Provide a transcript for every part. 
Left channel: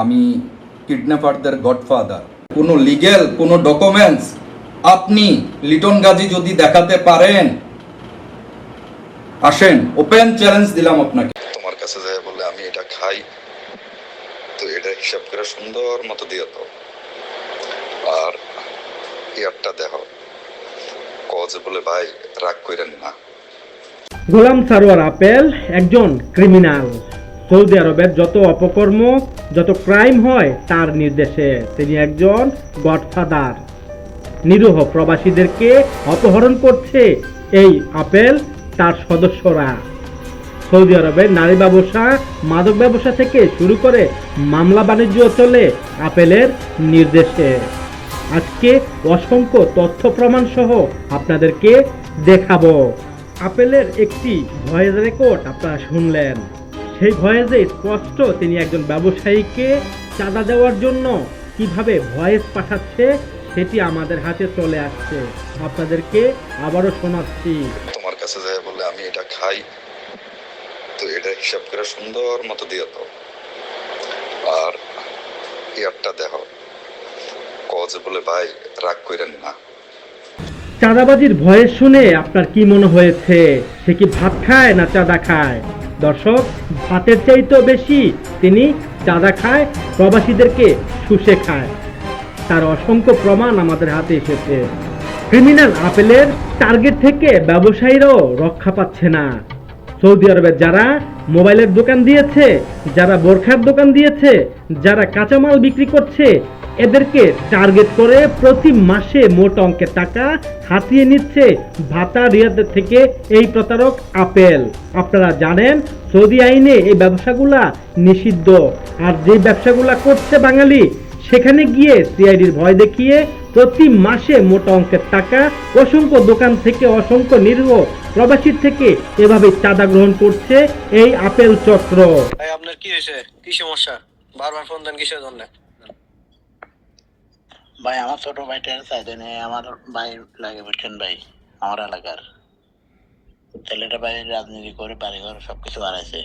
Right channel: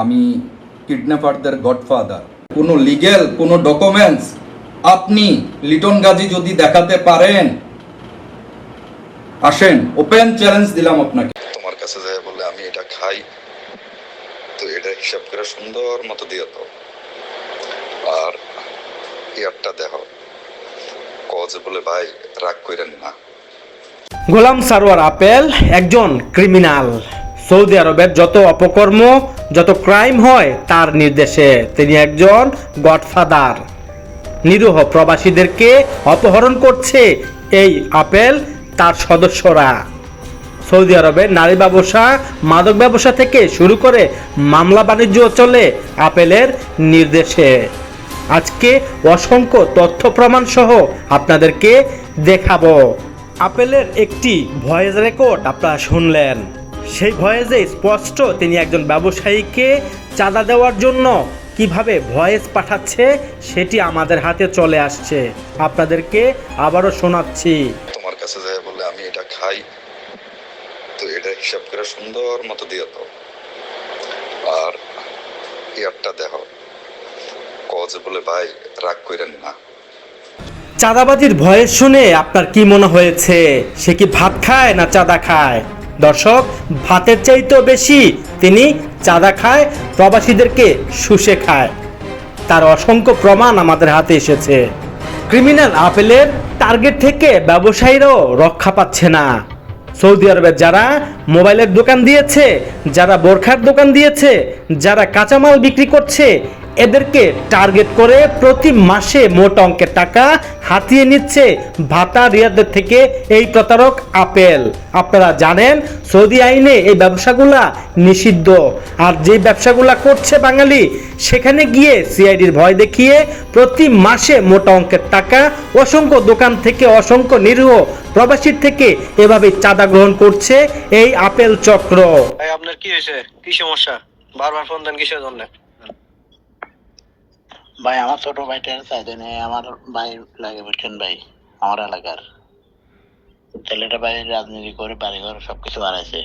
আমি কিডন্যাপারদের গডফাদার কোনো লিগেল কোনো ডকুমেন্টস আপনি লিটন গাজী যদি দেখাতে পারেন আসেন ওপেন চ্যালেঞ্জ দিলাম আপনাকে। তোমার কাছে যায় বলে আমি এটা খাই তো এটা হিসাব করে সুন্দর মতো দিয়ে দাও। আর ইয়ারটা দেখো কজে বলে ভাই রাগ কইরেন না। গোলাম সারোয়ার আপেল একজন ক্রিমিনাল সৌদি আরবের যত অপকর্ম, যত ক্রাইম হয়, তার নির্দেশে তিনি একজন গডফাদার। নিরীহ প্রবাসীদেরকে অপহরণ করছে এই আপেল তার সদস্যরা। সৌদি আরবের নারী ব্যবসা, মাদক ব্যবসা থেকে শুরু করে মামলা বাণিজ্য চলে আপেলের নির্দেশে। আজকে অসংখ্য তথ্য প্রমাণ সহ আপনাদেরকে দেখাবো। আপেলের একটি ভয়েস রেকর্ড আপনারা শুনলেন। সেই ভয়েসে স্পষ্ট তিনি একজন ব্যবসায়ীকে চাঁদা দেওয়ার জন্য কীভাবে ভয়েস পাঠাচ্ছে সেটি আমাদের হাতে চলে আসছে। আপনাদেরকে আবারও শোনাচ্ছি। তোমার কাছে যায় বলে আমি এটা খাই। তো এটা হিসাব করে সুন্দর মতো দিয়ে দাও। আর ইয়ারটা দেখো। কজে বলে ভাই রাগ কইরেন না। চাঁদাবাজির ভয়েস শুনে আপনার কি মনে হয়েছে? সে কি ভাত খায় না চাঁদা খায়? দর্শক, ভাতের চাইতেও বেশি তিনি চাঁদা খায়, প্রবাসীদেরকে শুষে খায়। তার অসংখ্য প্রমাণ আমাদের হাতে এসেছে। ক্রিমিনাল আপেলের টার্গেট থেকে ব্যবসায়ীরাও রক্ষা পাচ্ছে না। সৌদি আরবের যারা মোবাইলের দোকান দিয়েছে, যারা বোরখার দোকান দিয়েছে, যারা কাঁচামাল বিক্রি করছে এদেরকে টার্গেট করে প্রতি মাসে মোট অঙ্কের টাকা হাতিয়ে নিচ্ছে ভাতা রিয়াদের থেকে এই প্রতারক আপেল। আপনারা জানেন, সৌদি আইনে এই ব্যবসাগুলা নিষিদ্ধ। আর যে ব্যবসাগুলা করছে বাঙালি, সেখানে গিয়ে সিআইডির ভয় দেখিয়ে প্রতি মাসে মোটা অঙ্কের টাকা অসংখ্য দোকান থেকে অসংখ্য নিরীহ প্রবাসীর থেকে এভাবে চাঁদা গ্রহণ করছে এই আপেল চক্র। আপনার কি হয়েছে? কি সমস্যা? বারবার ফোন দেন কিসের জন্য? ভাই, আমার ছোট ভাইটার চাইতে নেই আমার ভাই লাগে বুঝছেন ভাই, আমার এলাকার। ছেলেটা ভাই রাজনীতি করে বাড়িঘর সবকিছু বাড়াইছে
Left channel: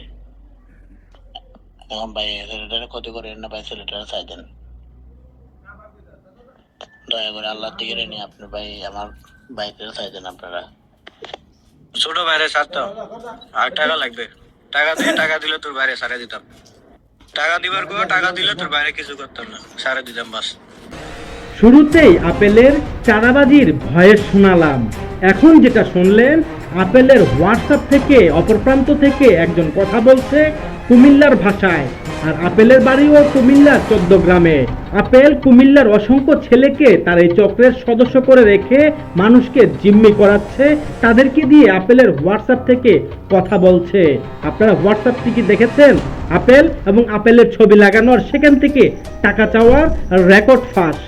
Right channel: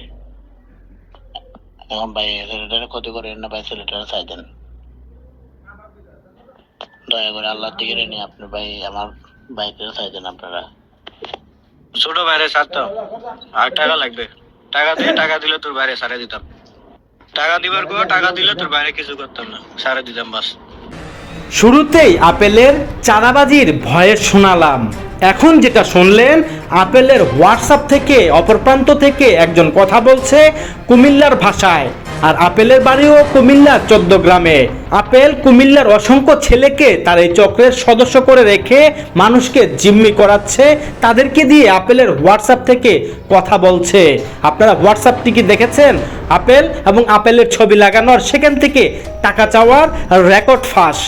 এখন ভাই ছেলেটার ক্ষতি করেন না ভাই, ছেলেটার চাইতেন দয়া করে আল্লাহর দিকে আপনি ভাই, আমার ভাইটার চাইতেন আপনারা। ছোট বাইরে ছাড়তো আর টাকা লাগবে। টাকা দিয়ে টাকা দিলে তোর বাইরে সারে দিতাম। টাকা দিবার কো টাকা দিলে তোর বাইরে কিছু করতাম না, সারে দিতাম বাস। শুরুতেই আপেলের চাঁদাবাজির ভয়েস শোনালাম। এখন যেটা শুনলেন, আপেলের হোয়াটসঅ্যাপ থেকে, অপর প্রান্ত থেকে একজন কথা বলছে কুমিল্লার ভাষায়। আর আপেলের বাড়িও কুমিল্লার চোদ্দ গ্রামে। আপেল কুমিল্লার অসংখ্য ছেলেকে তার এই চক্রের সদস্য করে রেখে মানুষকে জিম্মি করাচ্ছে, তাদেরকে দিয়ে আপেলের হোয়াটসঅ্যাপ থেকে কথা বলছে। আপনারা হোয়াটসঅ্যাপটি কি দেখেছেন? আপেল এবং আপেলের ছবি লাগানোর সেখান থেকে টাকা চাওয়ার রেকর্ড ফাঁস।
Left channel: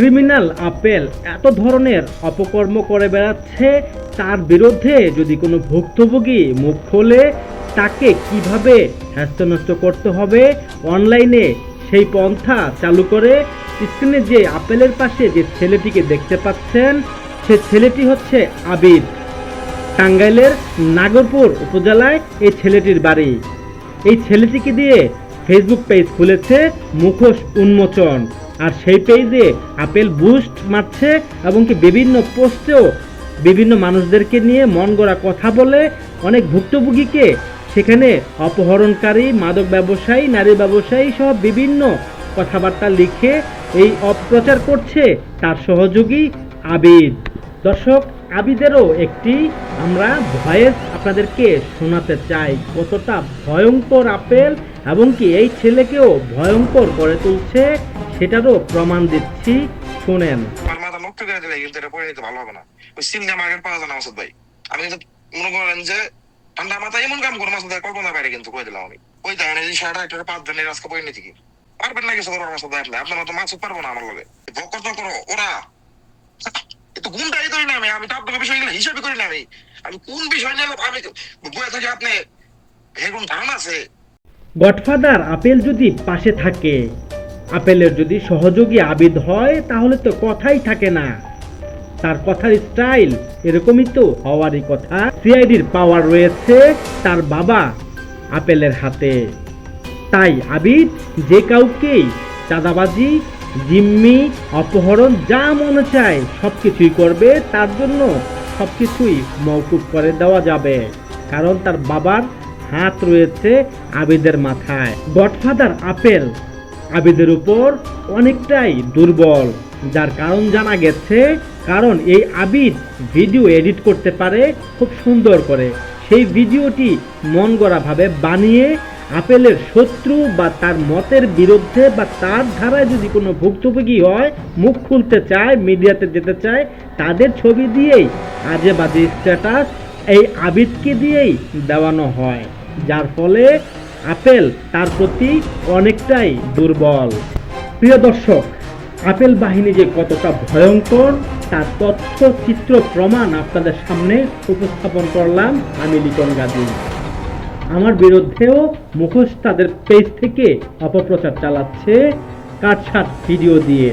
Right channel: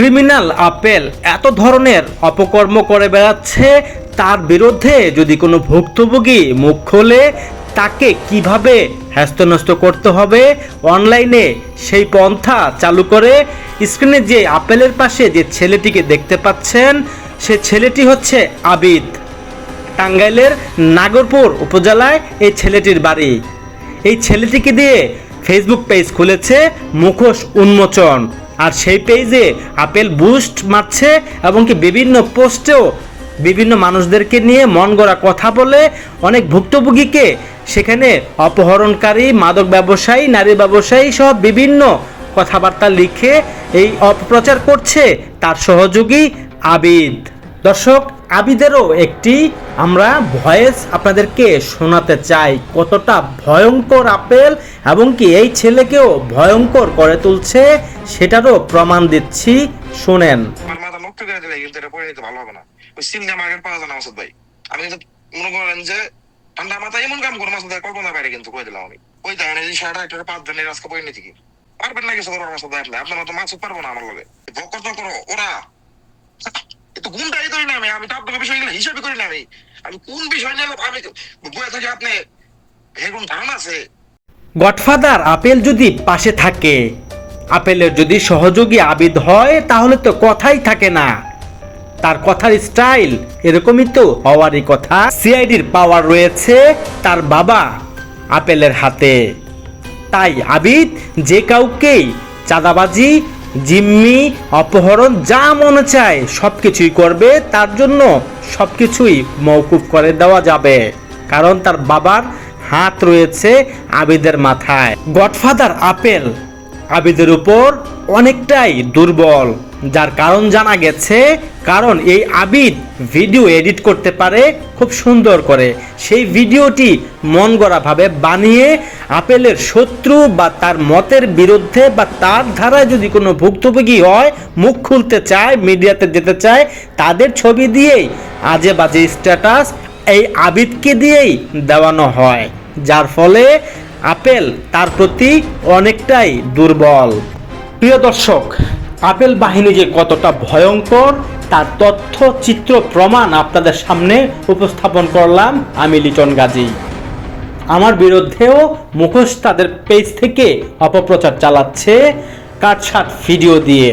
ক্রিমিনাল আপেল এত ধরনের অপকর্ম করে বেড়াচ্ছে, তার বিরুদ্ধে যদি কোনো ভুক্তভোগী মুখ খোলে, তাকে কীভাবে হ্যাস্তন্যস্ত করতে হবে? অনলাইনে সেই পন্থা চালু করে স্ক্রিনে যে আপেলের পাশে যে ছেলেটিকে দেখতে পাচ্ছেন, সে ছেলেটি হচ্ছে আবিদ। টাঙ্গাইলের নাগরপুর উপজেলায় এই ছেলেটির বাড়ি। এই ছেলেটিকে দিয়ে ফেসবুক পেজ খুলেছে মুখোশ উন্মোচন। আর সেই পেজে আপেল বুস্ট মারছে এবং কি বিভিন্ন পোস্টেও বিভিন্ন মানুষদেরকে নিয়ে মন গড়া কথা বলে অনেক ভুক্তভোগীকে সেখানে অপহরণকারী, মাদক ব্যবসায়ী, নারী ব্যবসায়ী সহ বিভিন্ন কথাবার্তা লিখে এই অপপ্রচার করছে তার সহযোগী আবিদ। দর্শক আবিদেরও একটি আমরা ভয়েস আপনাদেরকে শোনাতে চাই। কতটা ভয়ঙ্কর আপেল এবং কি এই ছেলেকেও ভয়ঙ্কর করে তুলছে সেটারও প্রমাণ দিচ্ছি। শোনেন। করে ভালো হবে না। ওই মার্কেট না ভাই। মনে করেন যে মাথায় এমন করে বাইরে কিন্তু করে দিলাম ওই একটা কি? পারবেন না কিছু করার মাসুদ ভাই আপনার মতো মাসুদ পারব না আমার লগে। বকর তো করো ওরা। এতো গুণটাই করি না আমি? আমি তো আপনাকে হিসাবে করি না আমি। আমি কোন বিষয় নিয়ে আমি বয়ে থাকি আপনি? ধারণা আছে? গডফাদার, আপেল যদি পাশে থাকে, আপেলের যদি সহযোগী আবিদ হয়, তাহলে তো কথাই থাকে না। তার কথার স্টাইল এরকমই তো হওয়ারই কথা। সিআইডির পাওয়ার রয়েছে তার বাবা আপেলের হাতে। তাই আবিদ, যে কাউকেই চাঁদাবাজি জিম্মি, অপহরণ, যা মনে চায় সব কিছুই করবে, তার জন্য সব কিছুই মৌকুফ করে দেওয়া যাবে। কারণ তার বাবার হাত রয়েছে আবিদের মাথায়। গডফাদার আপেল আবিদের উপর অনেকটাই দুর্বল। যার কারণ জানা গেছে, কারণ এই আবিদ ভিডিও এডিট করতে পারে খুব সুন্দর করে। সেই ভিডিওটি মন গড়াভাবে বানিয়ে আপেলের শত্রু বা তার মতের বিরুদ্ধে বা তার ধারায় যদি কোনো ভুক্তভোগী হয়, মুখ খুলতে চায়, মিডিয়াতে যেতে চায়, তাদের ছবি দিয়েই আজে বাজে স্ট্যাটাস এই আবিদকে দিয়েই দেওয়ানো হয়, যার ফলে আপেল তার প্রতি অনেকটাই দুর্বল। প্রিয় দর্শক আপেল বাহিনী যে কতটা ভয়ঙ্কর, তার তথ্য, চিত্র, প্রমাণ আপনাদের সামনে উপস্থাপন করলাম আমি লিটন গাজী। আমার বিরুদ্ধেও মুখোশ তাদের পেজ থেকে অপপ্রচার চালাচ্ছে, কাটছাট ভিডিও দিয়ে।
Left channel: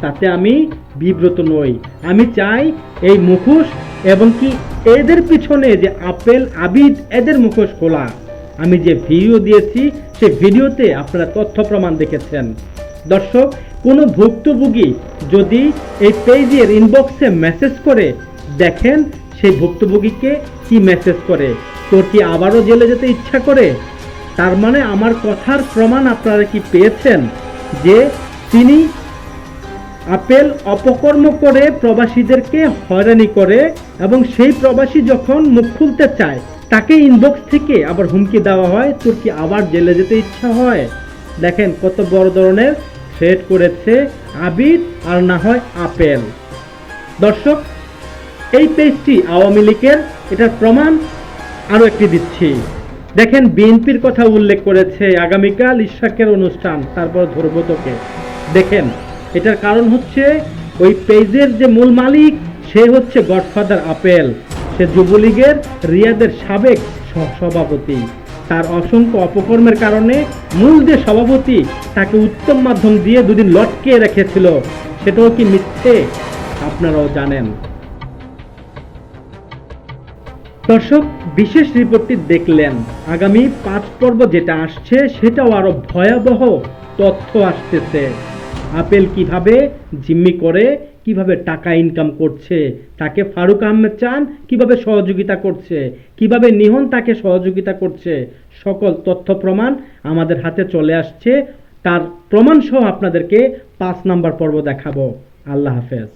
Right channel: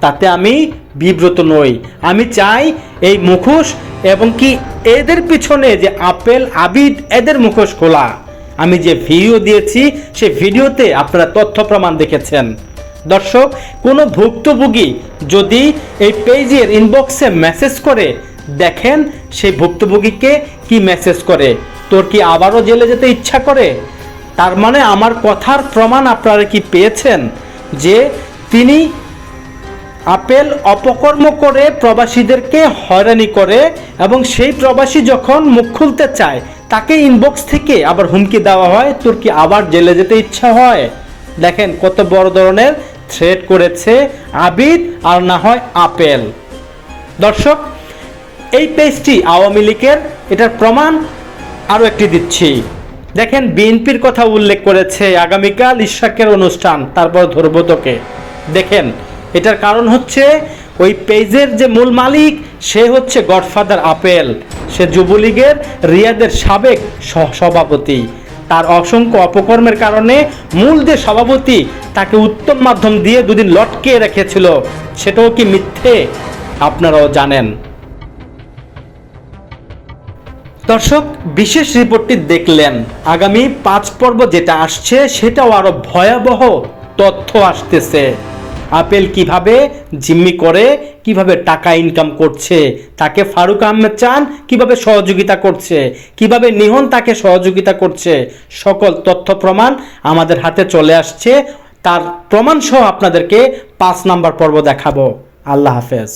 তাতে আমি বিব্রত নই। আমি চাই এই মুখোশ এবং কি এদের পিছনে যে আপেল, আবিদ, এদের মুখোশ খোলা। আমি যে ভিডিও দিয়েছি, সে ভিডিওতে আপনারা তথ্য, প্রমাণ দেখেছেন। দর্শক, কোনো ভুক্তভোগী যদি এই পেজের ইনবক্সে মেসেজ করে, দেখেন সেই ভুক্তভোগীকে কি মেসেজ করে। তোর কি আবারও জেলে যেতে ইচ্ছা করে? তার মানে আমার কথার প্রমাণ আপনারা কি পেয়েছেন? যে তিনি আপেল অপকর্ম করে প্রবাসীদেরকে হয়রানি করে এবং সেই প্রবাসী যখন মুখ খুলতে চায়, তাকে ইনবক্স থেকে আবার হুমকি দেওয়া হয়, তোর কি আবার জেলে যেতে ইচ্ছা হয়? দেখেন কত বড় ধরনের থ্রেট করেছে আবিদ আর না হয় আপেল। দর্শক, এই পেজটি আওয়ামী লীগের, এটার প্রমাণ আরও একটি দিচ্ছি। দেখেন, বিএনপির কথা উল্লেখ করেছে আগামীকাল ইশাকের অনুষ্ঠান, তারপর ধরবো তোকে। দেখেন, এটার কারণ হচ্ছে ওই পেজের যে মূল মালিক, সে হচ্ছে গডফাদার আপেল। সে যুবলীগের, রিয়াদের সাবেক সহ- সভাপতি তার অসংখ্য অপকর্মের কারণে মূল যে সভাপতি তাকে উত্তম মাধ্যম দিয়ে দুদিন লটকে রেখেছিল, সেটাও কি মিথ্যে? আপনারাও জানেন। দর্শক, বিশেষ রিপোর্টটি দেখলেন। আগামী পাঁচ পর্ব যেটা আসছে, সেটাও আরও ভয়াবহ তথ্য আসতেছে। আপেল কীভাবে জিম্মি করে কীভাবে টাকা ইনকাম করছে, তাকে ফারুক আহমেদ চান, কীভাবে সহযোগিতা করছে, কীভাবে নিহন তাকে সহযোগিতা করছে, সকল তথ্য প্রমাণ আমাদের হাতে চলে আসছে। তার প্রমাণসহ আপনাদেরকে পাঁচ নাম্বার পর্ব দেখাবো। আল্লাহ হাফেজ।